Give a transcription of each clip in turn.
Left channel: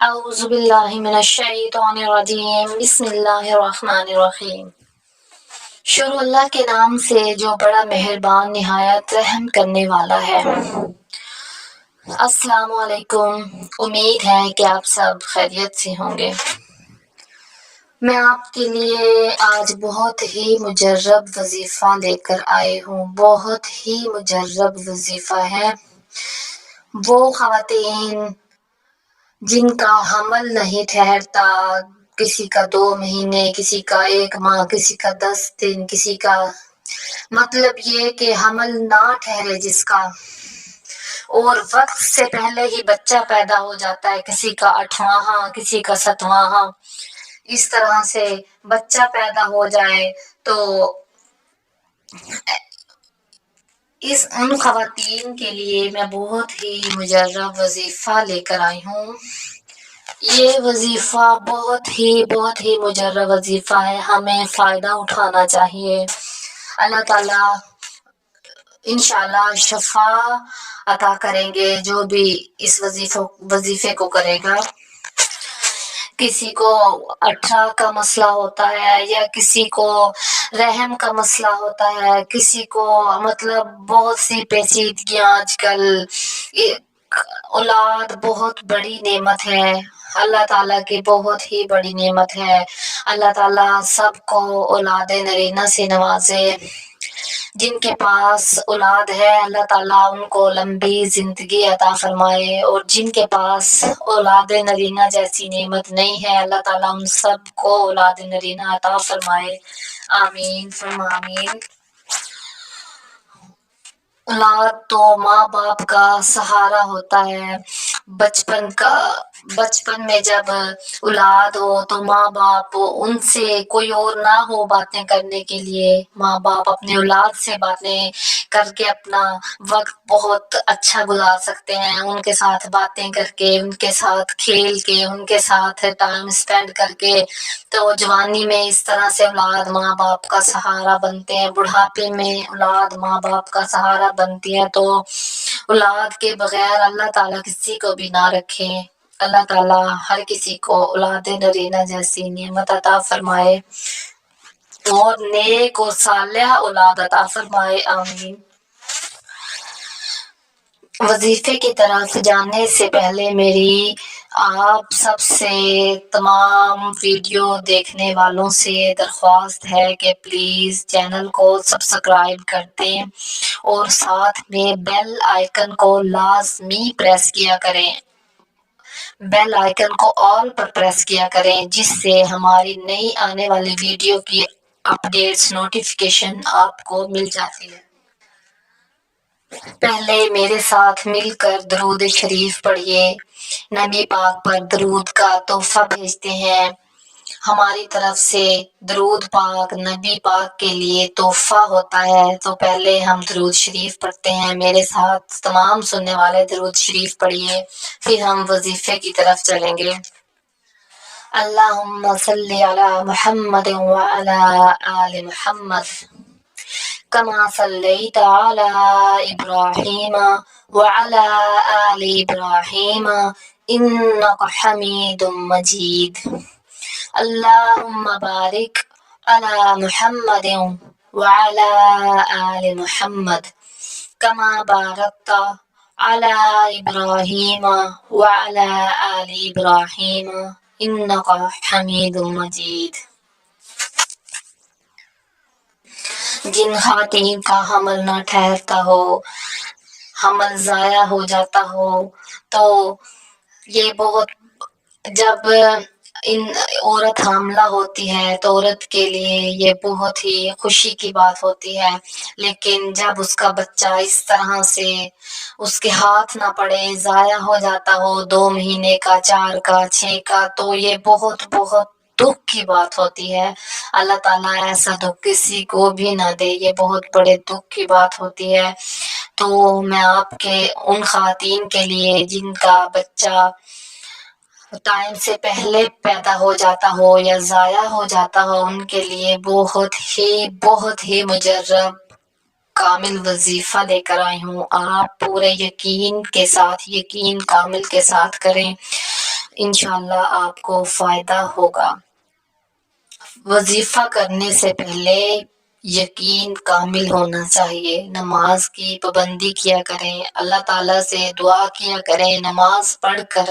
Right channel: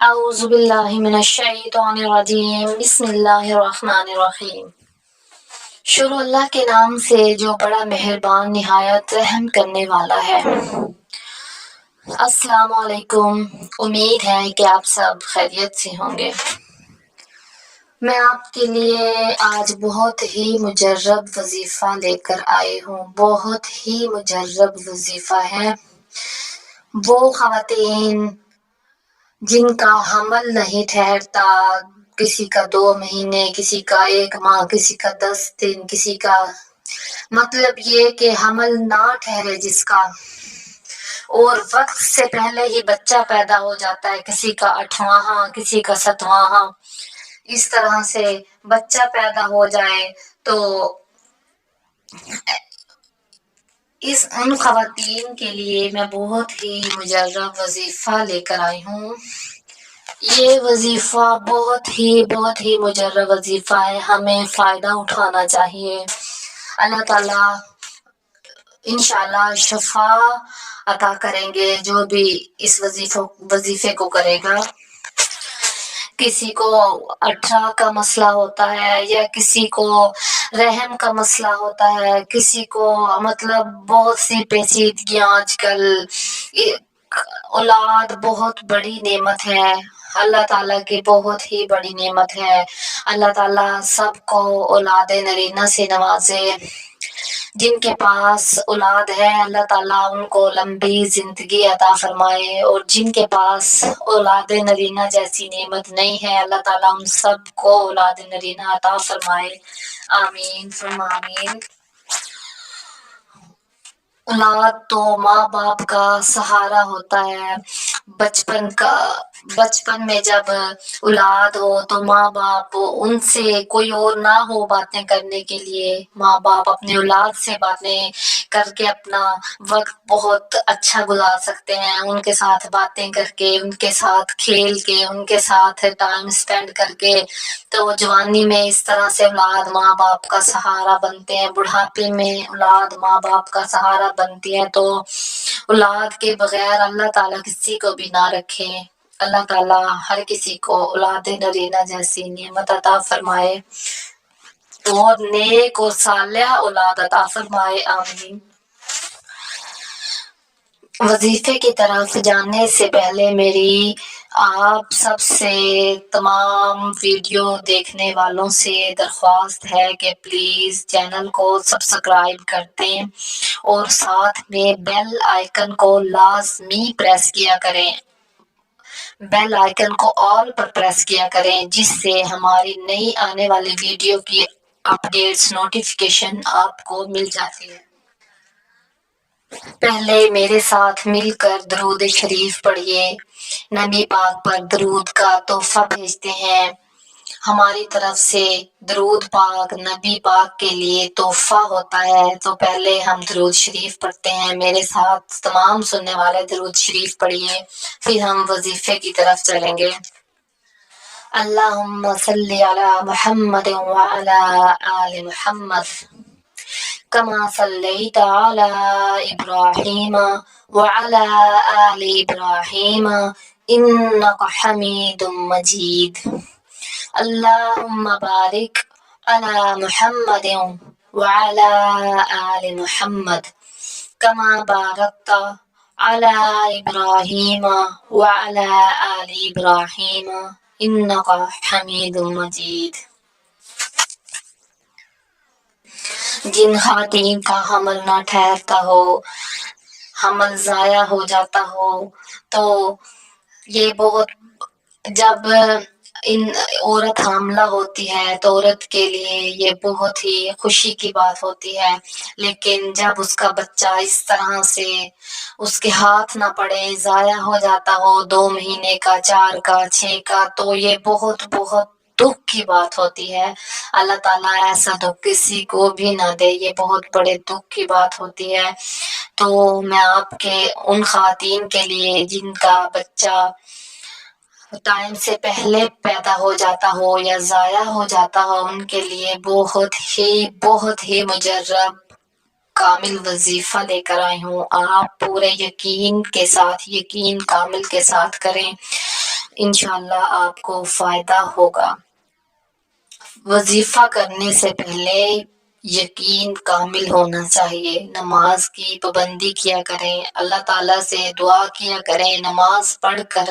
اعوذ باللہ من الشیطان الرجیم بسم اللہ الرحمن الرحیم۔ شروع اللہ کے نام سے جو بڑا مہربان نہایت رحم کرنے والا ہے۔ السلام علیکم، امید ہے کہ آپ سب خیریت سے ہوں گے۔ میں آپ کے لیے آج بہت ہی مجرب وظیفہ لے کر آئی ہوں۔ بہت ہی مجرب وظیفہ ہے۔ وہ خواتین جن کا حمل نہیں ٹھہرتا، کسی کا 2 مہینے، کسی کا 1 ماہ، کسی کا 10 دن، کسی کا مطلب یہ کہ حمل نہ ٹھہرے جس کا، اور وقت سے پہلے ہی بچہ پیدا ہو جاتا ہے، کسی کا 8واں، کسی کا 7واں، اس طرح سے بچہ پیدا ہو جائے تو ان خواتین کے لیے میں بہت ہی مجرب وظیفہ لے کر آئی ہوں۔ یہ وظیفہ بہت ہی مجرب وظیفہ ہے، ہمیں فائدہ اٹھانا چاہیے۔ اللہ تعالیٰ انشاءاللہ شفا عطا کریں گے جو بھی اس وظیفے کو کرے گا۔ کسی کو 18 کا مسئلہ ہوتا ہے، یا کسی کو رحم کا مسئلہ ہوتا ہے، کسی کو مطلب بہت سی پیچیدگیاں۔ آج کل اولاد بہت بڑی نعمت ہے، اللہ تعالیٰ کی بہت ہی بڑی نعمت ہے۔ اللہ تعالیٰ سب کو اولاد نرینہ سے نوازے۔ جن کے پاس اولاد ہے اللہ تعالیٰ ان کو لمبی زندگی عطا فرمائے، اور جن کے پاس اولاد نرینہ جیسی نعمت نہیں ہے اللہ تعالیٰ ان سب کو اولاد نرینہ عطا فرمائے۔ آمین ثم آمین۔ اولاد تو ماں باپ کا سہارا ہوتا ہے۔ بچپن میں جب اولاد ہو تو ماں باپ ان سے کوئی اور نہ ہو باتیں کرنے کے لیے، ماں باپ اپنے اولاد سے باتیں کر کے اپنا وقت بہت اچھا گزار سکتے ہیں، ان کے ساتھ باتیں کر کے، ان کے ساتھ کھیل کے، ان کے ساتھ ٹائم اسپینڈ کر کے۔ تو جوانی میں اس طرح سے اولاد ماں باپ کا سہارا بنتے ہیں، بڑھاپے میں اولاد ماں باپ کا سہارا بنتی ہے۔ تو اولاد کے بغیر اللہ تعالیٰ کسی کو بھی نہ رکھے۔ اللہ تعالیٰ ہر کسی کو اولاد نرینہ جیسی نعمت عطا فرمائے، اور نیک اور صالح اولاد عطا فرمائے۔ آمین۔ وظیفے کی طرف جانے سے پہلے میری آپ سب سے، تمام ویڈیو دیکھنے والوں سے درخواست ہے کہ پلیز چینل کو سبسکرائب کر دیں، اور ساتھ میں بیل آئیکن کو لازمی پریس کیا کریں۔ بیل آئیکن کو آل پر پریس کیا کریں، جس سے ہماری نئی آنے والی ویڈیو کی اپڈیٹس نوٹیفیکیشن آپ کو مل جاتی ہے۔ پہلے میرے ساتھ مل کر درود شریف پڑھیے۔ نبی پاک پر درود کا تحفہ بھیجتے ہیں۔ ہماری طرف سے درود پاک نبی پاک کے لیے تحفہ ہوتا ہے۔ تو پہلے ہم درود شریف پڑھتے ہیں، میرے ساتھ تمام سننے والے درود شریف پڑھیے، پھر ہم وظیفے کی طرف چلیں گے۔ اللہم صلی علی محمد وعلی آل محمد کما صلیت علی ابراہیم وعلی آل ابراہیم انک حمید مجید۔ اللہم بارک علی محمد وعلی آل محمد کما بارکت علی ابراہیم وعلی آل ابراہیم انک حمید مجید۔ جن خواتین کا حمل نہ ٹھہرتا ہو، حمل ضائع ہو جاتا ہو، تو یہ جب عورت حاملہ ہوتی ہے تو عورت کے لیے یہ بہت ہی خوشی کی بات ہوتی ہے، لیکن جب اس کا بچہ اس طرح سے اس کے ہاتھ نہ پڑے، ضائع ہو جاتا ہو، 2 مہینے کا، 4 کا، 6 کا، تو یہ بہت دکھ کی بات ہوتی ہے۔ اللہ تعالیٰ ایسا دکھ کسی کو بھی نہ دے، یہ بہت بڑے دکھ کی بات ہوتی ہے۔ تو میں آپ کے ان خواتین کے لیے جن کا بچہ ٹائم سے پہلے پیدا ہو جاتا ہو یا ضائع ہو جاتا ہو، ان کے لیے بہت ہی مجرب کامل وظیفہ لے کر آئی ہوں۔ آپ پورے یقین کامل کے ساتھ کریں۔ انشاءاللہ آپ کو فائدہ ہوگا۔ وظیفہ کرنے سے پہلے یقین کامل ہونا چاہیے، نماز کی پابندی کیا کریں، اللہ تعالیٰ سے دعا کیا کریں، نماز پڑھ کر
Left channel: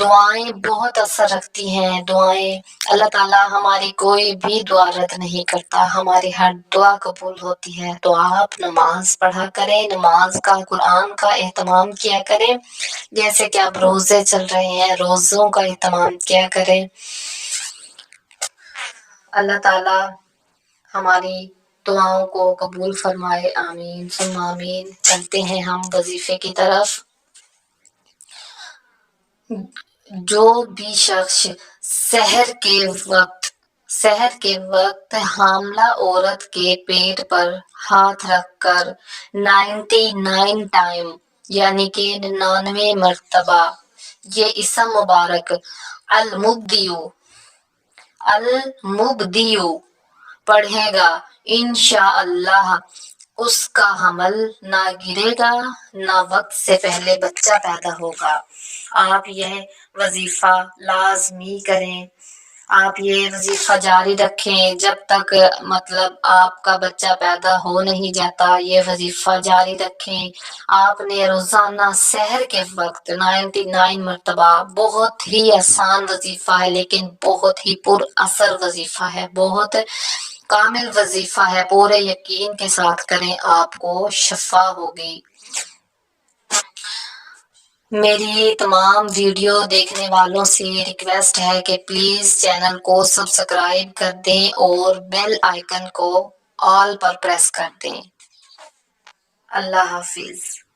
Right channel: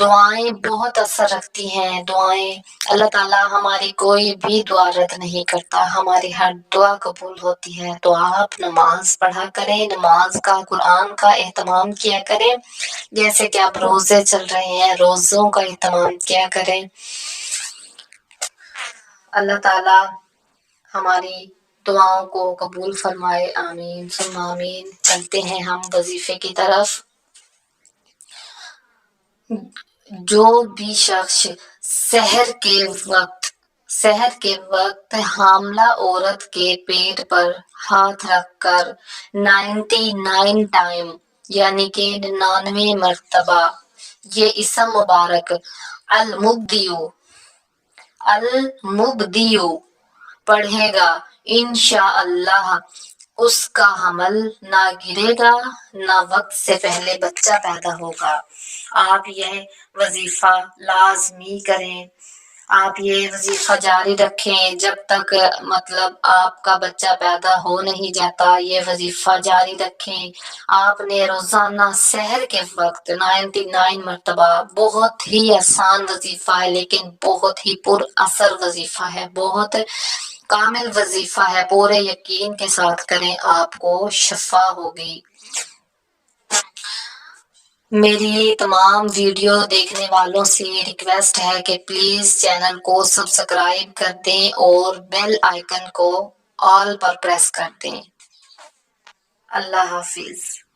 دعائیں بہت اثر رکھتی ہیں، دعائیں اللہ تعالیٰ ہماری کوئی بھی دعا رد نہیں کرتا، ہماری ہر دعا قبول ہوتی ہے۔ تو آپ نماز پڑھا کریں، نماز کا قرآن کا اہتمام کیا کریں، جیسے کہ آپ روزے چل رہے ہیں روزوں کا اہتمام کیا کریں۔ اللہ تعالیٰ ہماری دعاؤں کو قبول فرمائے، آمین ثم آمین۔ چلتے ہیں ہم وظیفے کی طرف۔ جو بھی شخص سحر کے وقت حاملہ عورت کے پیٹ پر ہاتھ رکھ کر 99 ٹائم یعنی کہ 99 مرتبہ یہ اسم مبارک المبدیو پڑھے گا، انشاءاللہ اس کا حمل نہ گرے گا، نہ وقت سے پہلے بچہ پیدا ہوگا۔ آپ یہ وظیفہ لازمی کریں، آپ یہ وظیفہ جاری رکھیں جب تک آپ کا بچہ پیدا ہو نہیں جاتا، یہ وظیفہ جاری رکھیں۔ آپ نے روزانہ سحر کے وقت 99 مرتبہ، بہت ہی آسان وظیفہ ہے لیکن بہت ہی پر اثر وظیفہ ہے، بہت کامل وظیفہ ہے، پورے یقین کے ساتھ کریں، آپ کو شفا ہوگی۔ میری تمام ویڈیو دیکھنے والوں سے ریکویسٹ ہے کہ پلیز چینل کو سبسکرائب کر دیں اور بیل آئیکن کو آل پر پریس کر دیں۔ اللہ حافظ۔